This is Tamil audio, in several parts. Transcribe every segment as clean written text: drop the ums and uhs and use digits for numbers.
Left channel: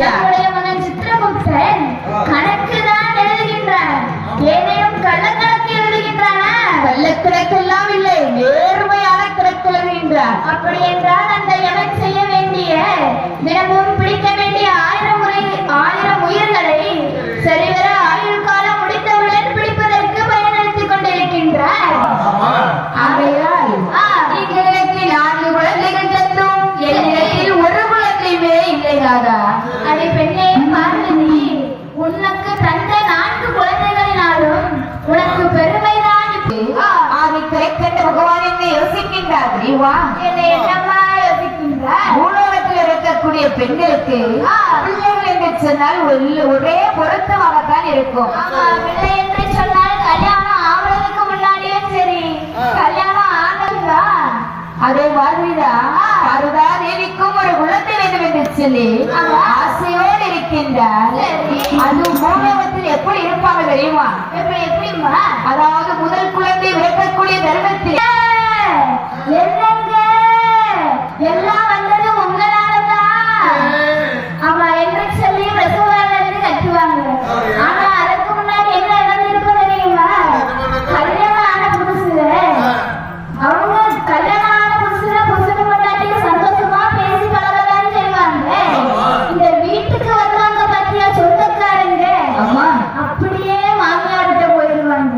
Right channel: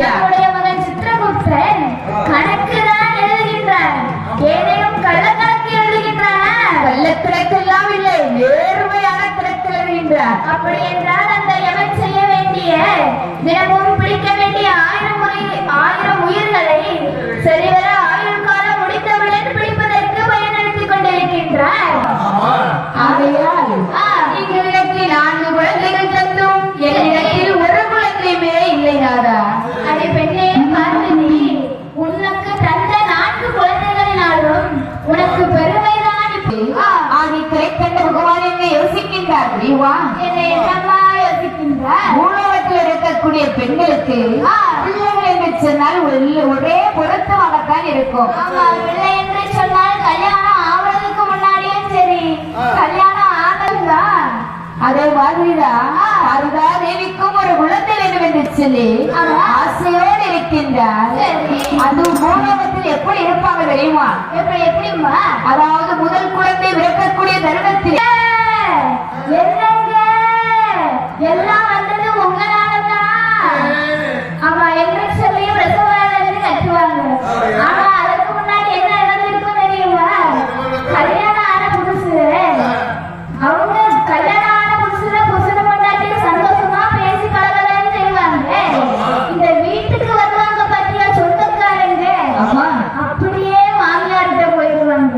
நம்முடைய மகன் சித்திரகுப்தன் கணக்குதான் எழுதுகின்றான். ஏதேனும் கள்ளக்கணக்கு எழுதுகின்றானா? கள்ளக்கணக்கெல்லாம் இல்லை, நேர்மையான கணக்கு எழுதுகின்றான். அப்படி என்றால் அந்த யமன் செய்ய வேண்டிய தினமும் பிடிக்க வேண்டிய 1000 உயிர்களை சரிவர ஆயுள் காலம் முடித்தவுடன் பிடிப்பதற்கு பயன்படுத்திக் கொண்டிருக்கின்றார். ஆகையால் எனக்கு 4 குழந்தைகள் தந்தும் என்னிடத்தில் ஒரு குழந்தையுமே இல்லை நாதா. அதை பெண்ணே பார்வதி, உனக்கு தந்த 4 குழந்தைகளினாலும் உனக்கு பெருமைதான். அதை கிடைக்கின்ற பகவான் என்ன யோசிக்கின்றார் தெரியுமா? என்னம்மா யோசிக்கின்றார்? பூலோகத்தில் இருக்கக்கூடிய பெண்களுக்கு பிள்ளைகள் என்று சொன்னால் ஒரே பொருத்தமாகத்தான் இருக்கும். பிள்ளை என்று சொன்னால் கல்யாணம் ஆவதற்கு முன்னாடியே சரி, கல்யாணம் ஆகலா அதே மாதிரிதான் சாரதா தேவிக்கும் ஒரு குழந்தை வேண்டும் என்று சொல்லி ஆசையோடு இருக்கின்றார். அது பூலோகத்தில் எப்படி இருப்பாங்க தெரியுமா? எப்படிமா? அதாவது முதல் குழந்தை பிறக்கக்கூடிய தருணத்தில் எல்லாம் வந்தது உங்களாலதான் ஆமா என்று சொல்லி பிரசவாலிருந்து கட்டுவாங்க. ஆனா அதுக்கு முன்னாடி என்ன நடந்திருக்கும் தெரியுமா? கல்யாணம் ஆன புதுசு அவங்க கல்யாணம் ஆன புதுசுல முன்னாடி சந்தோஷமா பேசி பழகலான்னு செய்வாங்க. இந்த வீட்டுக்கு வருவாங்க பத்தியா சொந்தக்காரங்க, அப்படியே மாமியார்கிட்ட போயிடுவாங்க.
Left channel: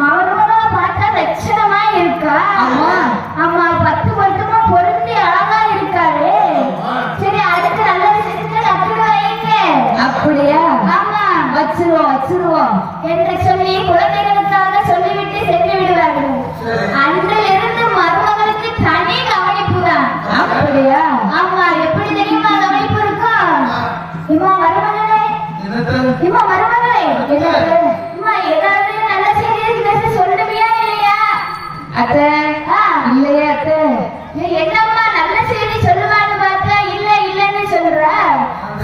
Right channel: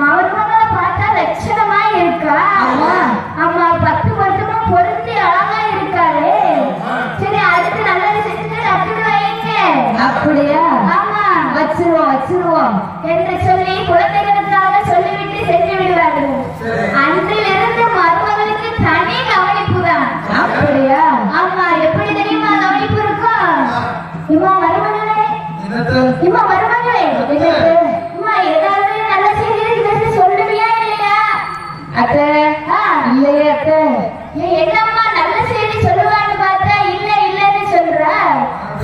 மருமகளை பார்த்தா லட்சணமா இருக்கா, ஆமா 10 வருஷமா பொருந்தி அழகா இருக்காரு. சரி அடுத்து நல்ல விஷயத்துல கட்டிட்டு வைங்க. அப்படியா? ஆமா வச்சிருவோம் என்று சொல்லி குழந்தைகளுக்காக சொல்லிவிட்டு சென்று விடுவார்கள். அன்றிலிருந்து மருமகளுக்கு தனி கவனிப்பு தான். அப்படியா? ஆமா. எப்படி தெரியுமா கவனிப்பு இருக்கும்? இம்மா மருமகளே, இம்மா மருமகளே, இம்மா ஏதாவது நல்ல செய்தி சொல்லுவியா இல்லையா? அத்தை இல்லையே அத்தை. என்னம்மா நல்ல செய்தி சொல்லுவான்னு பார்த்தா இல்லன்னு சொல்ற.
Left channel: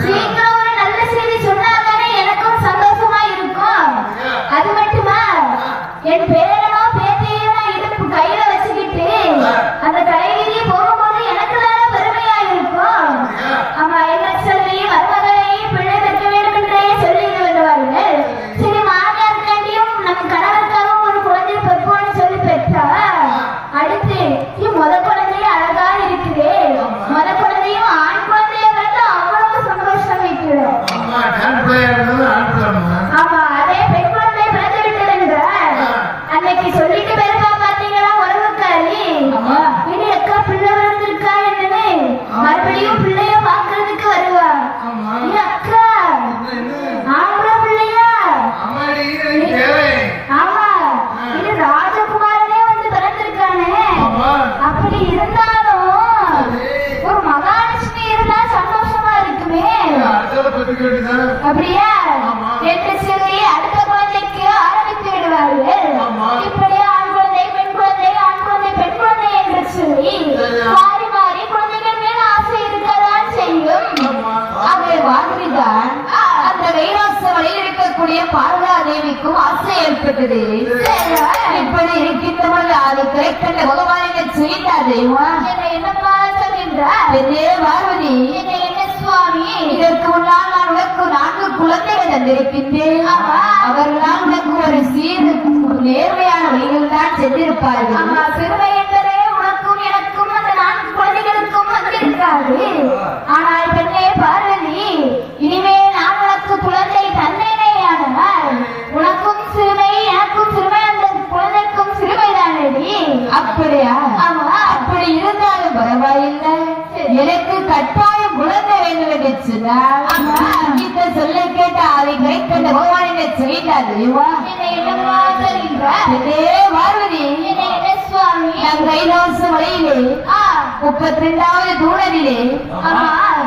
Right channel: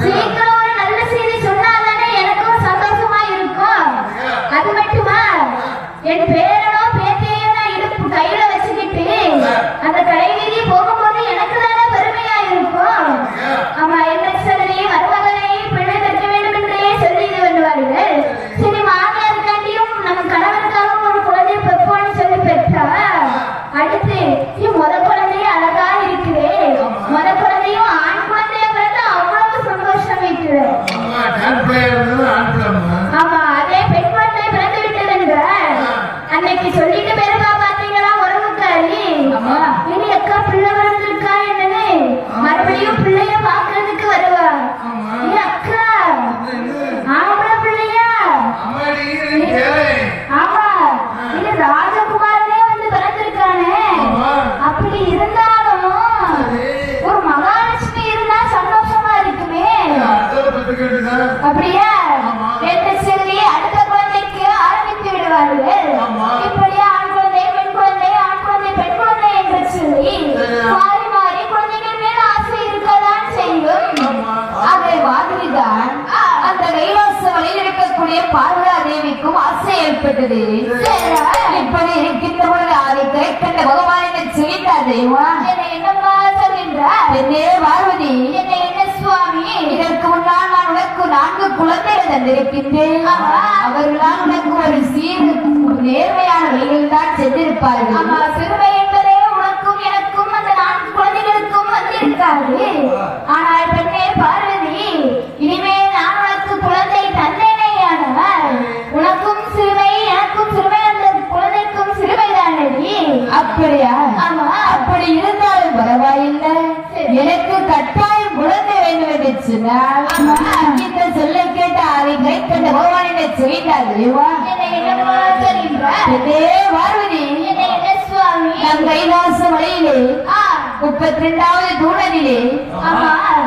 சீக்கிரம் ஒரு நல்ல செய்தி சொன்னாதானே எனக்கும் சந்தோஷமா இருக்கும். அது மட்டுமா, என் பேரனோ பேத்தையோ நான் இடுப்பு கையில வச்சுக்கிட்டு அந்த கடைவீதி போகும்போது எனக்கு தானே பெருமையா இருக்கும். ஆமா என்ன சொல்லி மருமகளை பிள்ளை பெற்ற வேண்டும் என்றே சொல்லி வருவார்கள். சரி மாமியார் வேண்டியும் நம் கணவருக்காகவும் ஒரு குழந்தை பெற்றோன்னு சொல்லி பெற்றா. அடுத்து முத குழந்தைய அழகா இருக்குது, முத குழந்தையும் ஆண் குழந்தைய பிறந்தா அவ்வளவு சந்தோஷம் இருக்குது. ஆமா அதே பெண் குழந்தை பிறந்து விட்டது என்ற அன்னைக்கு சொல்லிட்டு பெருமா பாத்தீங்களா உறவுக்காரி, இனி அக்கா பிள்ளை பிறந்திருக்கா என்னன்னு மறுபடியும் பிள்ளைய பாக்குறதுக்கு வருவா. அக்கா ஆம்பளை பிள்ளையா? ஆமா இது ராஜகுமாரனே வந்து பிறந்திருக்கானே. அப்படி இருந்தாலும் ஒரு மகாலட்சுமி இருந்தா சந்தோஷமா இருக்குமே. அப்படியா? என்று சொல்லி அடுத்த குழந்தைக்கு ஆரம்பித்து விடுவார்கள். இப்படி ஆண் குழந்தை பெண் குழந்தை ஆண் குழந்தை பெண் குழந்தை என்று சொல்லி மாறி மாறி குழந்தைகள் மேல ஆசை இருக்கதான் செய்யும். அதே மாதிரிதான் அந்த கைலாச வழியில் இருக்கக்கூடிய பார்வதா தேவிக்கும் ஆசை ஏற்பட்டது. இப்படி இருக்கின்ற போது அது கிடைக்கின்ற பகவான் என்ன செய்தார் தெரியுமா? என்னப்பா சொல்கின்றார்? என்னே பார்வதி, என்ன சுவாமி, இதற்கு முன்னால் நான் உனக்கு 4 குழந்தைகள் தந்திருக்கின்றேன். அவர்களால் உனக்கு ஒரு நேர்மையான வழிகள் தான் சென்றிருப்பார்கள். ஆமா சிறுமை என்பதே உனக்கும் எனக்கும் அந்த 4 குழந்தைகளுக்கும் வந்திருக்காது. ஆனால் பெண்ணே பார்வதி, இனிமேல் நான் உனக்கு குழந்தை தந்தேனேயானால் உனக்கும் சிறுமை எனக்கும் சிறுமை, அந்த குழந்தைக்கும் சிறுமைதானடி. அப்படியா? ஆமா. அப்படி இருந்தாலும் பரவாயில்லை, எனக்கு கட்டாயம் குழந்தை வேண்டும் என்று சொன்னால் இந்த சொல்ல கேட்ட அதை கிடைக்கின்ற பகவான் என்ன செய்தார் தெரியுமா? என்னப்பா சொல்கின்றார்? என்னே பார்வதி, என்ன சுவாமி, நம் கைலாச மலையிலே 32வது தூணனிலே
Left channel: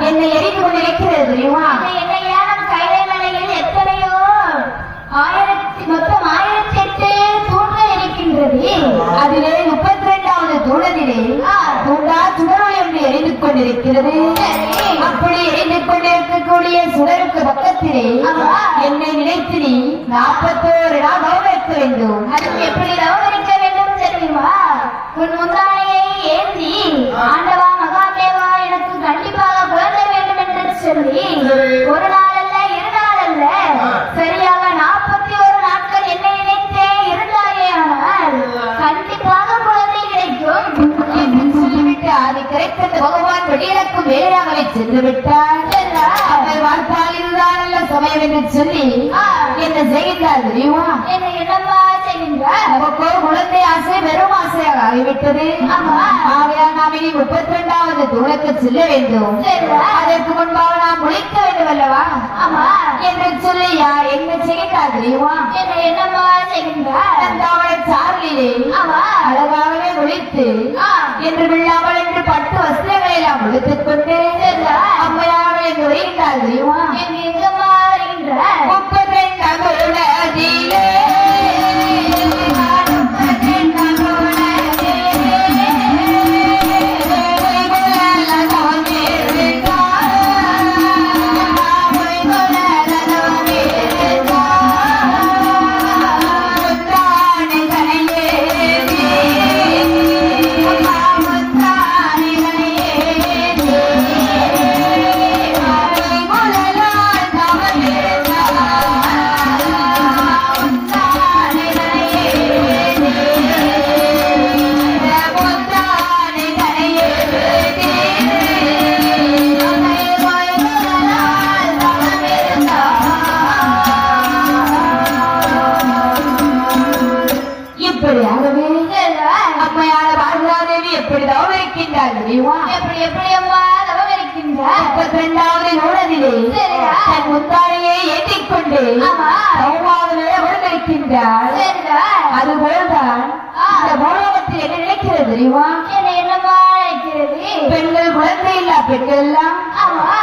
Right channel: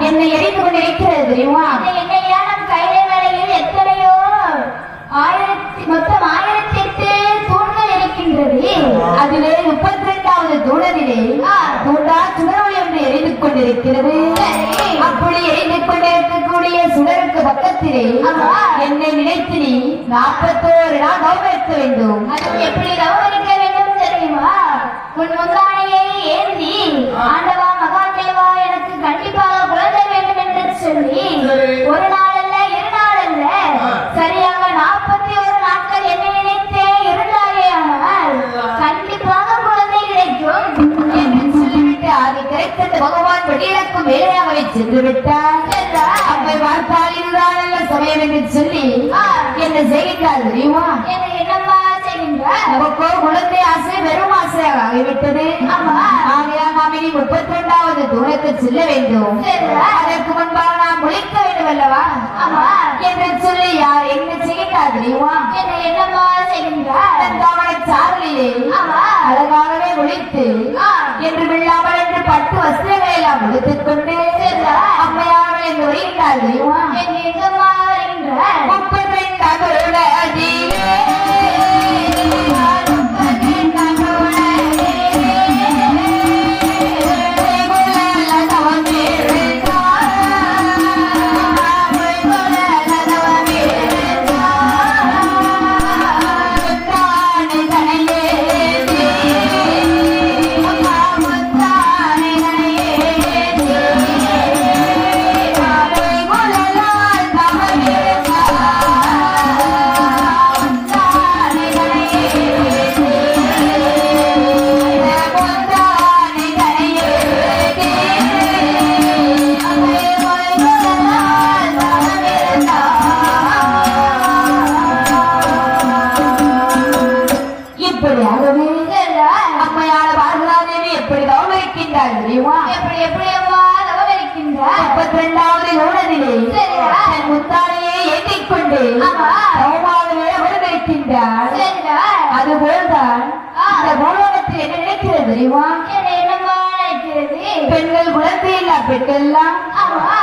என்னை எரிந்து கொண்டிருக்கிறது தெரியுமா? என்னையா நம் கைலை மலையில் எத்தனையோ மொத்தம் 1008 தூண்கள் இருக்கின்றது. அதிலே 32வது தூணனிலே சுடர் என்று எரிந்து கொண்டிருக்கிறது. அப்படி எரிந்து கொண்டிருக்கக்கூடிய சுடருக்கு பக்கத்திலே என்னை நினைத்து நீ 41 நாள் தவம் இருக்க வேண்டும். அதுக்கு எப்படி தவம் இருக்க வேண்டும் தெரியுமா? உன் முந்தானையை ஏந்தி ஆண்டவா மகாதேவா எனக்கு கண்டிப்பாக சொல்லி சரி. ஒரு நாள் அல்ல இரு நாள் அல்ல சரியாக 41 நாட்கள் என்னை நினைத்தே இருந்தாயே ஆனால் கண்டிப்பாக குழந்தை கிடைக்கும் என்று சொல்லிவிட்டு அது கிடைத்த பகவான் வெளியிடக்கும் வேலையாகவே சென்று விட்டார். அவள் வாழ்த்தால் இதுதான் நல்ல சமயம் என்று சொல்லி என்ன செய்கின்றார் தெரியுமா? என்னை என்னம்மா செய்கின்றார் நமக்கோ குழந்தை ஆசை வெறும் ஆசையாக ஆகிவிட்டது. ஆகையால் நாம் இனி 32வது தூரத்து செல்ல வேண்டும். அதற்கு முன்பாக நாம் முளைக்க வேண்டும் அல்லவா என்று சொல்லி யார் என்ன செய்கின்றார் தெரியுமா? என்னை என்னம்மா செய்கின்றார் தந்தாவளை சார்லிலே அழகாகவே ஒழித்து என்று விழாமல் என்று பட்டு வஸ்திரங்களை எல்லாம் ஒழித்துக் கொண்டு அம்மையார்கள் என்று வருகின்றார் தெரியுமா? என்னை எங்கம்மா வருகின்றார் 32 நதியிலே இப்படியாகவே அம்மையான பார்வதாதேவி எப்படிதான் இருக்கின்றார் தெரியுமா? எப்படி எப்படி அம்மா தவம் இருக்கின்றார் 32வது நூலதிலே தன் முத்தானையை ஏற்றிக்கொண்டு சமமாகவே இருக்கின்றார். அதுபோல்தான் இந்த பூலோகத்தில் என்ன நினைக்கிறது தெரியுமா? என்னை என்னம்மா நினைக்கிறது பெண்கள் குழந்தை இல்லா பெண்கள் எல்லாம்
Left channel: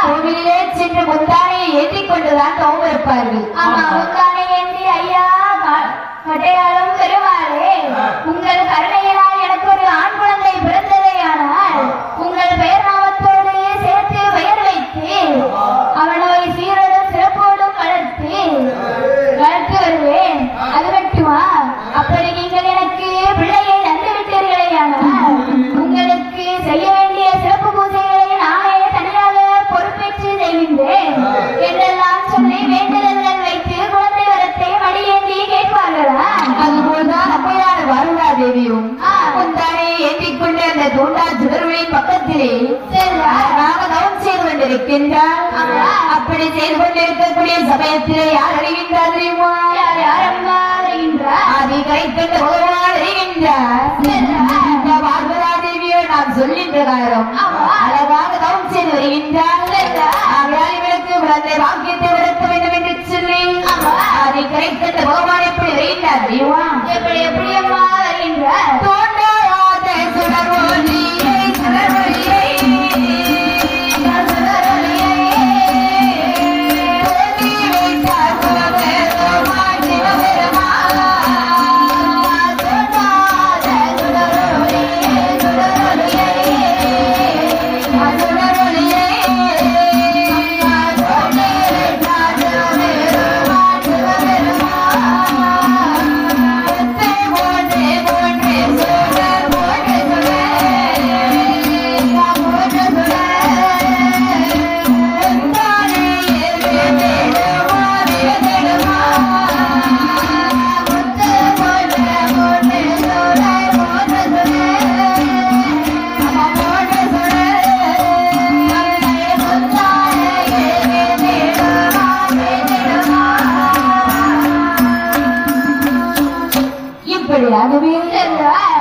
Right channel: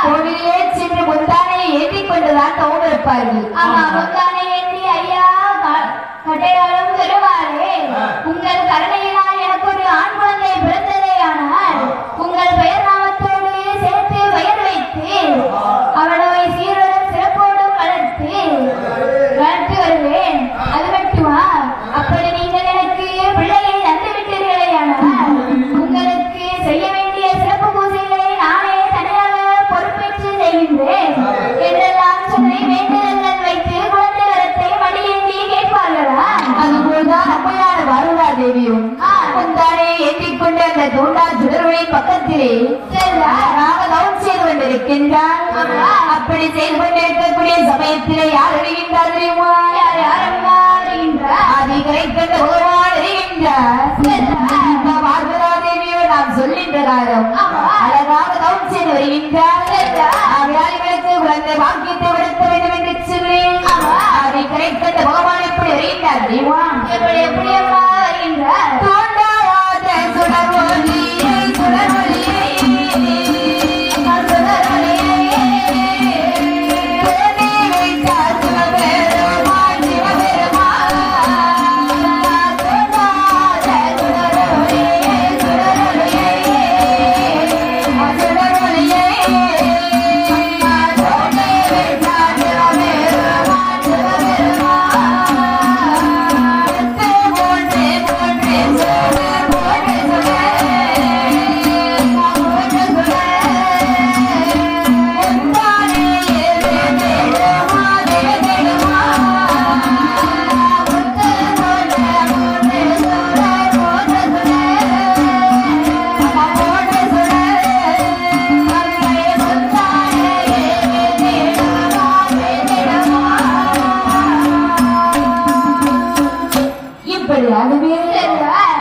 கோவிலே சென்று முத்தானையை ஏற்றிக் கொண்டுதான் தவம் இருப்பார்கள். ஆமா முந்தானை ஏந்தி ஐயா கட்டையாலும் பெறுவாரே உங்கள் கருணையினால் எனக்கு ஒரு ஆண் குழந்தை பிறந்ததே ஆனால் உங்கள் பெயர் நாமத்தோடு சேர்த்து பெயர் வைத்து அவனை சீரோடும் சிறப்போடும் வளர்த்து வருவேன். அது மட்டுமா அப்படி நீங்கள் எனக்கு பிள்ளையை தந்துவிட்டீர்களே ஆனால் உங்களுக்கு செய்ய வேண்டிய சிறப்பு பூஜைகளை நானே தனியாக பொறுப்பேற்று செய்கின்றேன் என்றெல்லாம் சொல்லி வேண்டுதல்கள் வைத்து குழந்தை வரத்தை மடியேந்தி கேட்பார்களா? அதுபோல்தான் அம்மையான பார்வதாதேவியும் முந்தானையை ஏற்றிக் கொண்டு அந்த தூண்டா சுடர்வழி பக்கத்திலே தவம் செய்து கொண்டிருக்கின்றார். அப்படி செய்து கொண்டிருக்கக்கூடிய சமயத்திலே யார் அறிகின்றார் தெரியுமா? யாரம்மா வருகின்றார் அதை கரைக்கின்ற பகவான் அறிகின்றார். இந்த பார்வதாதேவியோ நாம் சொல்லின்ற காலம் அழகாக தவம் செய்து வருகின்றார். ஆகையால் இவளுக்கு குழந்தை வாக்கியத்தை விளக்க வேண்டும் என்று சொல்லி அதை கரைக்கின்ற பகவான் எப்படி வருகின்றார் தெரியுமா? எப்படி எப்படி அம்மா வருகின்றார் தோன்றாத சுடர்வொளியே சுடர்வொளியே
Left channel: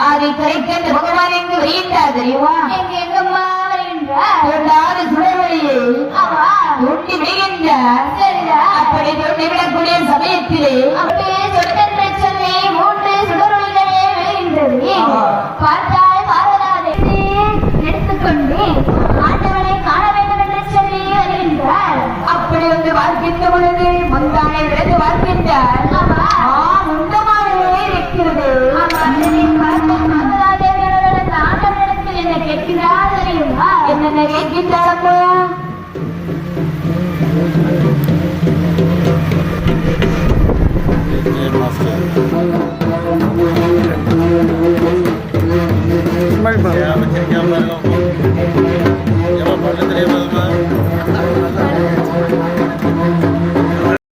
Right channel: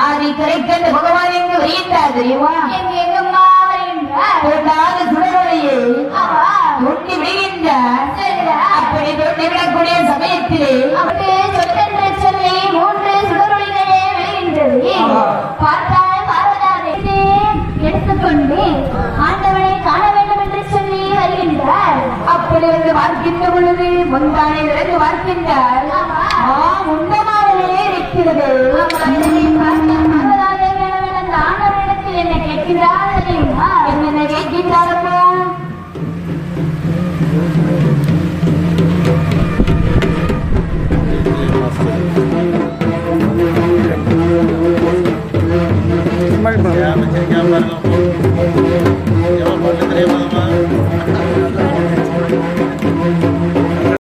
அதை கரைக்கின்ற பகவான் எங்கு வருகின்றார் தெரியுமா? எங்கம்மா வருகின்றார் தோன்றாத சுடர்வழியை தோண்டி விடுகின்றார். அப்படி தோண்டி விடக்கூடிய சமயத்திலே அப்படி சொற்கென்று சொல்லி 3 சுடரொளிகளே விழுகின்றது. பார்த்தால் பார்வதாதேவி எடுத்துக்கொண்டு ஆண்டவனை காண வேண்டும் என்று சொல்லி வருகின்றார். அப்படி வந்து பார்க்கின்ற பொழுது முந்தானை விளைந்து பார்க்கின்றார். உண்டமானே இருக்கிறது. பார்வதாதேவி ஆண்டவனிடத்தில் என்னை கேட்கிறார் தெரியுமா? என்னென்ன கேட்கின்றாரோ